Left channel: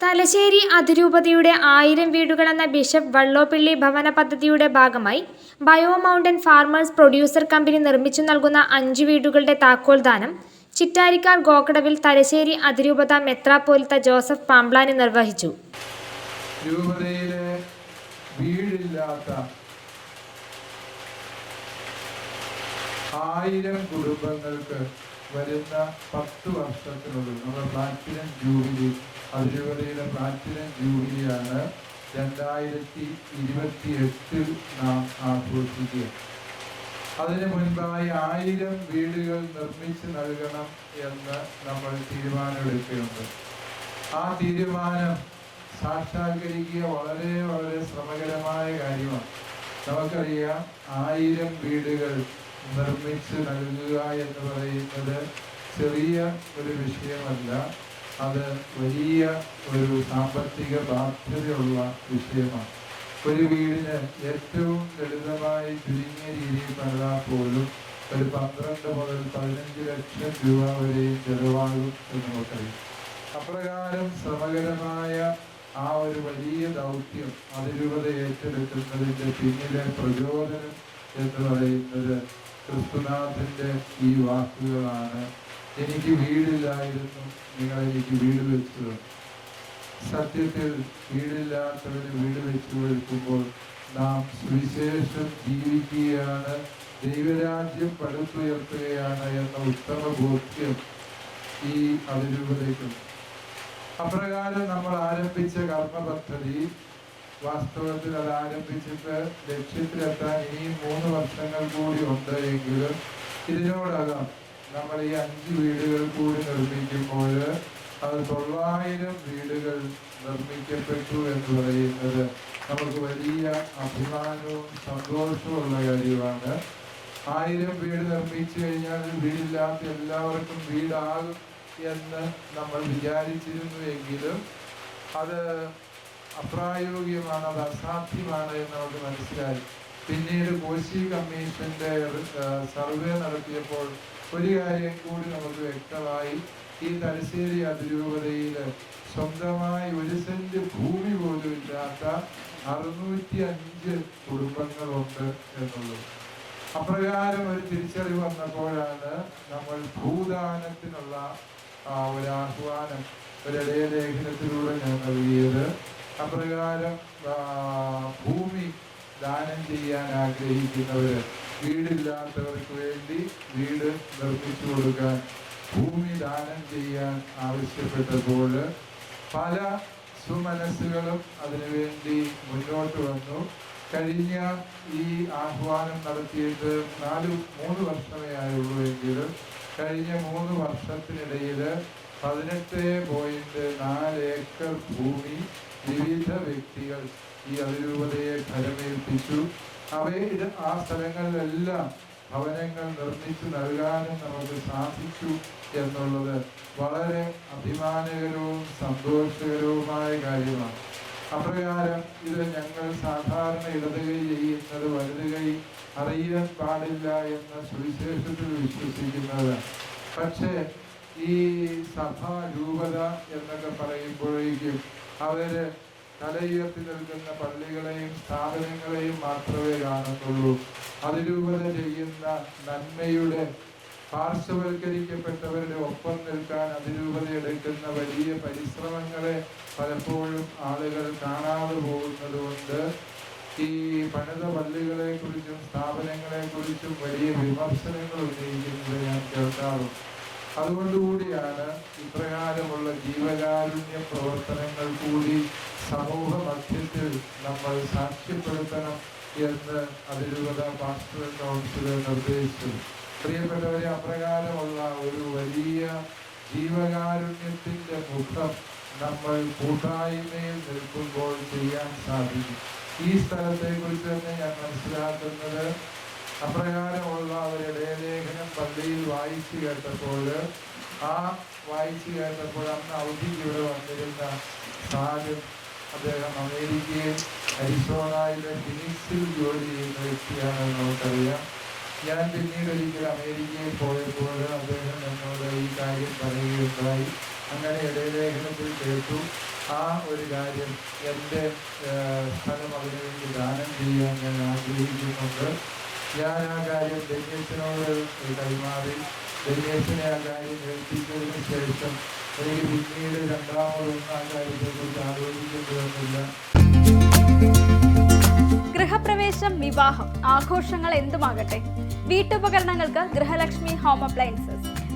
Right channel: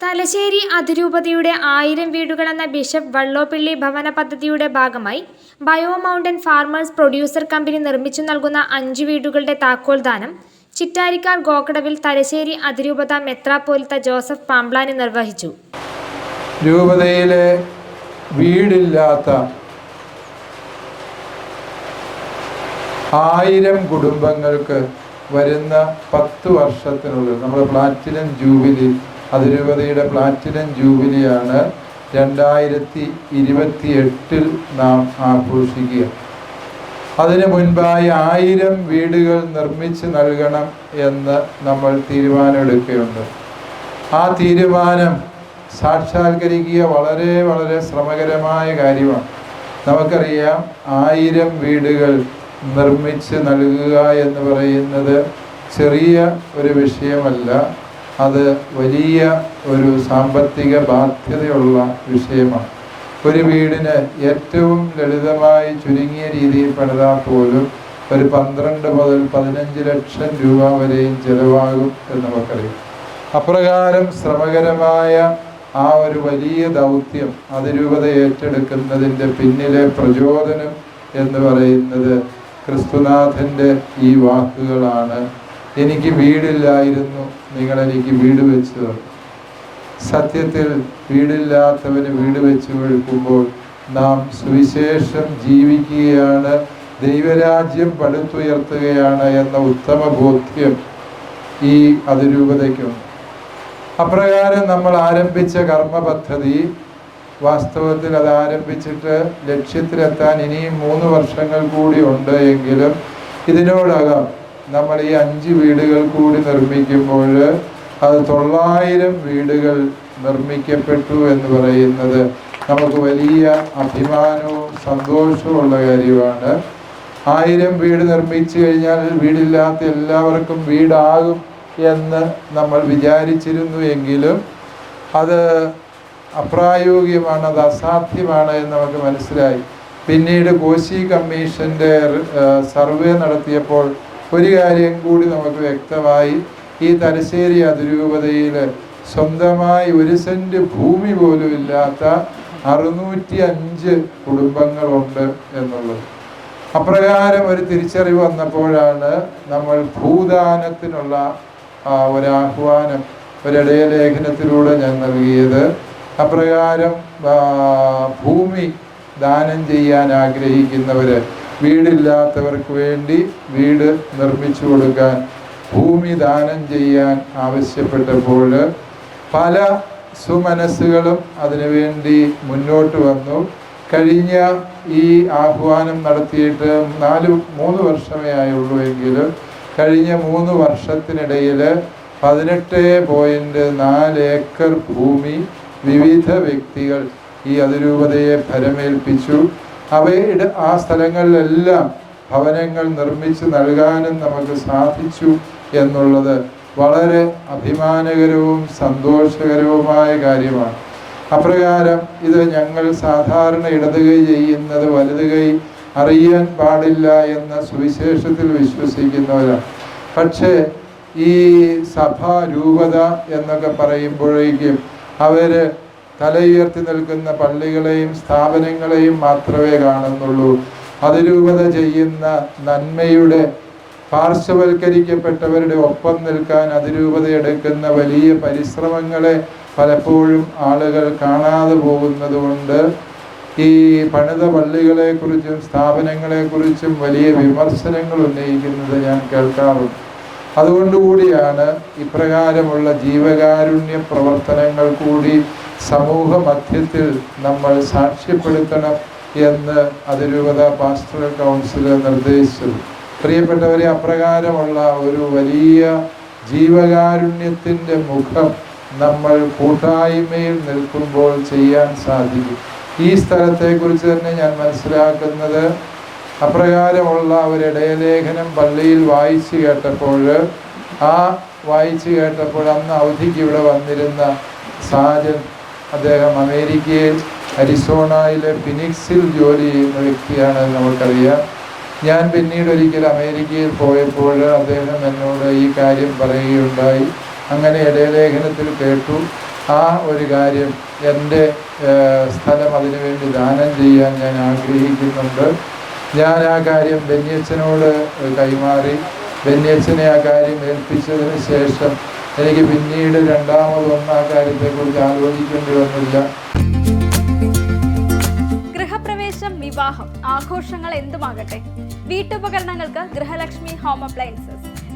തലശ്ശേരി അതിരൂപതയുടെ ആയിരം വീടുകൾ എന്ന ബിഷപ്പ് വള്ളോപ്പിള്ളി ഭവന പദ്ധതിയുടെ ഭാഗമായി bio mountain farmers producer company നിർമ്മിച്ചു നൽകുന്ന അഞ്ച് വീടുകളുടെ താക്കോൽ ദാനം ചിറ്റാരിക്കാർ ഗോക്കടവിൽ തലശ്ശേരി അതിരൂപത മെത്രാപ്പോലിത്ത ജോസഫ് പാംബ്ലാനി നിർവഹിച്ചു. രൂപതയിലെ വീടില്ലാത്ത ആയിരം കുടുംബങ്ങൾക്ക് വരുന്ന പത്ത് വർഷത്തിനുള്ളിൽ നമ്മുടെ പ്ലാറ്റിനം ജൂബിലി അതിരൂപതയുടെ പ്ലാറ്റിനം ജൂബിലിയാണ് രണ്ടായിരത്തി ഇരുപത്തി എട്ടിൽ നാം ആഘോഷിക്കുക. അതിനു മുൻപായി ആയിരം വീടുകൾ നിർമ്മിച്ച് നൽകണം എന്ന് നമ്മൾ തീരുമാനമെടുക്കുകയുണ്ട് ആ തീരുമാനം സാക്ഷാത്കരിക്കുക വളരെ വളരെ ശ്രമകരമായ കാര്യമാണ്. നമുക്കറിയാം ആയിരം വീടുകൾ നിർമ്മിച്ച് നൽകുക എന്ന് പറയുന്നത് ചെറിയ ഒരു വിഷയമല്ല. അത് വലിയ ഒരു സാമ്പത്തിക ബാധ്യതയുള്ള വിഷയമാണ്. ഒരു വീടിന് ഏറ്റവും ലളിതമായി ചുരുങ്ങിയ രീതിയിൽ പണിതാൽ പോലും ഒരു പന്ത്രണ്ട് മുതൽ പതിനഞ്ച് ലക്ഷം രൂപ വരെയും ചിലവാകും എന്ന് നമുക്കറിയാം. അപ്രകാരം ശ്രമകരമായ ആ ഒരു വലിയ ദൗത്യം അതിരൂപത ഏറ്റെടുക്കുന്നതിന്റെ പിന്നിലെ പ്രചോദനം എന്ന് പറയുന്നത് ക്രിസ്തുനാഥന്റെ ഈ വാക്കുകളാണ്. എനിക്ക് വീടില്ലായിരുന്നു നിങ്ങൾ എനിക്ക് വീട് വെച്ചു സത്യത്തിൽ വീടില്ലാത്തവന് വീട് വെച്ചു കൊടുക്കുമ്പോൾ നാം സുവിശേഷം ജീവിക്കുകയാണ് ദൈവരാജ്യം പടുത്തുയർത്തുകയാണ് എന്ന ഉത്തമ ബോധ്യം ഈ അതിരൂപതയ്ക്കുണ്ട്. അപ്രകാരം നമ്മൾ ആരംഭിച്ച കർമ്മ പദ്ധതി വാസ്തവത്തിൽ അത് ആരംഭിച്ചിട്ട് ലക്ഷ്യത്തിലെത്താൻ ഇനിയും മൂന്ന് വർഷങ്ങൾ കൂടി ഉണ്ട് എങ്കിലും ഇതിനോടകം നമ്മൾ ഈ അഞ്ച് വീടുകൾ കൂടി നിർമ്മിക്കുമ്പോൾ അത് തൊള്ളായിരം വീടുകൾ നിർമ്മിക്കപ്പെട്ടു എന്ന് പറയുന്നത് നമുക്ക് വലിയ അഭിമാനവും സന്തോഷവും ഉള്ള കാര്യമാണ്. ആയിരം വീട് നിർമ്മിച്ചു കഴിഞ്ഞാൽ വീടില്ലാത്ത എല്ലാവർക്കും വീടാകും എന്ന് നമ്മൾ വിചാരിച്ചിരുന്നു എങ്കിലും അത് അപ്രായോഗികമാണ് അത് അസാധ്യമാണ് എന്ന് നമുക്ക് മനസ്സിലായി. പിന്നീട് കോശി കമ്മീഷന്റെ സർവേ നടത്തിയപ്പോൾ ഒരു കാര്യം കൂടി നമുക്ക് വ്യക്തമായി ഈ തലശ്ശേരി അതിരൂപതയിൽ സ്വന്തമായി ഒരു സെന്റ് ഭൂമി പോലും ഇല്ലാത്ത അറുന്നൂറ്റി അഞ്ച് കുടുംബങ്ങളുണ്ട് എന്നുള്ളത്. അപ്രകാരം ഒരു തിരിച്ചറിവ് വന്നപ്പോഴാണ് നമ്മൾ ഭൂദാനത്തിനുള്ള ആ, ഒരാഹ്വാനം ഒരിടയ ലേഖനത്തിലൂടെ ഞാൻ നൽകിയത്. അപ്രകാരം ഭൂമി ദാനം ചെയ്യാൻ ആഗ്രഹിക്കുന്നവര് വീടില്ലാത്തവർക്ക് വേണ്ടി വീട് നിർമ്മിച്ചു കൊടുക്കാൻ ഭൂമി ദാനം ചെയ്യാൻ ആവശ്യപ്പെട്ടപ്പോൾ പല സുമനസ്സുകളും അതിനുവേണ്ടി മുന്നോട്ട് വന്നു. കഴിഞ്ഞ ഈ ആഹ്വാനം നടത്തിയിട്ട് നാല് മൂന്ന് വർഷമേ ആയുള്ളൂ എങ്കിലും കഴിഞ്ഞ മൂന്ന് വർഷത്തിനിടയിൽ പതിനെട്ട് പോയിന്റ് നാല് ഏക്കർ ഭൂമി വിവിധ വ്യക്തികൾ ഈ അതിരൂപതയെ ഫലമേൽപ്പിച്ചു അവയുടെ ആ സ്ഥലങ്ങളിലെല്ലാം ഭവനങ്ങൾ നിർമ്മിച്ച് നൽകാനും നമുക്ക് സാധിച്ചു എന്നുള്ളത് വളരെ അഭിമാനകരവും സന്തോഷകരവുമായ കാര്യമാണ്. അപ്രകാരം ഇത് ഞങ്ങൾ സാധാരണ ഇടത് കൈ ചെയ്യുന്നത് വലത് കൈ അറിയാൻ പാടില്ല എന്ന സുവിശേഷത്തിൽ വിശ്വസിക്കുന്നവരാണ് പക്ഷേ ഈ സഭാ രൂപത എന്നൊക്കെ പറയുമ്പോഴേക്കും അവർ തലയുയർത്തി നിൽക്കുന്ന പള്ളികളെയും സ്ഥാപനങ്ങളെയും മാത്രമേ കാണുന്നുള്ളൂ. അതിരൂപത ചെയ്യുന്ന നന്മയുടെ പാർശ്വവൽക്കരിക്കപ്പെട്ടവരുടെ ഒപ്പം നിൽക്കാൻ അതിരൂപത എടുക്കുന്ന വലിയ പരിശ്രമങ്ങളെ പലപ്പോഴും ആളുകൾ കാണാതെ പോകുന്നത് കൊണ്ട് ഈ പണിത പള്ളികളെക്കുറിച്ചും സ്ഥാപനങ്ങളെക്കുറിച്ചും വലിയ വിമർശനങ്ങൾ ഉന്നയിക്കുന്നത് ഞാൻ കേൾക്കാറുണ്ട്. അതുകൊണ്ടുകൂടിയാണ് ഇപ്രകാരമുള്ള ജീവകാരുണ്യ പ്രവർത്തനങ്ങൾ കൂടി സമൂഹ മധ്യത്തിൽ നമ്മൾ സാക്ഷ്യപ്പെടുത്തണം എന്ന് അതിരൂപത പാസ്റ്റർ കൗൺസിൽ നിർദ്ദേശിച്ചത്. പ്രിയപ്പെട്ടവരെ അപ്രകാരമുള്ള ഒരു വലിയ ജീവകാരുണ്യത്തിന്റെ മുഖം നമ്മൾ കൂട്ടായ്മയിൽ നിൽക്കുമ്പോൾ ചെയ്യാൻ സാധിക്കും. ഈ സ്ഥലത്തെക്കുറിച്ച് തന്നെ ഞാൻ മനസ്സിലാക്കുന്നത് അപ്രകാരമുള്ള ഒരു ഇടയലേഖനം പള്ളിയിൽ വായിച്ചു കേട്ടപ്പോൾ ആ വായിച്ചു കേട്ടപ്പോൾ അന്ന് അവധിക്ക് ഇവിടെ വന്നിരുന്ന സാജൻ അദ്ദേഹം അമേരിക്കയിൽ അരിസോണയിലെ ഫിനിക്സിൽ ജോലി ചെയ്യുന്ന വ്യക്തിയാണ് നമുക്കറിയാം. ഞാൻ പിന്നീട് ഒരിക്കൽ അമേരിക്കയിൽ പോയപ്പോൾ അദ്ദേഹം എന്നോട് ഈ കാര്യം പറയുകയുണ്ടായി. അങ്ങനെ ഇടയലേഖനത്തിൽ കേട്ടു. ആ ഒരു കാര്യം എന്റെ സ്ഥലം അതിനുവേണ്ടി ദാനം ചെയ്യാൻ ഞാൻ ആഗ്രഹിക്കുന്നുണ്ട്. ഞാൻ ആ കാര്യം ബെന്യച്ചനോട് കൈമാറി. ബെന്യച്ചനെ ആ കാര്യം ഏൽപ്പിച്ചതിന് ശേഷം എനിക്ക് പിന്നീട് രണ്ടാമതൊന്നും ആ കാര്യത്തെക്കുറിച്ച് ആലോചിക്കേണ്ടി വന്നില്ല. ഗൃഹപ്രവേശം വിവാഹം ആഘോഷങ്ങൾ എന്തുമാകട്ടെ? വീട്ടുപകരണങ്ങൾക്ക് Grihalakshmi home appliances.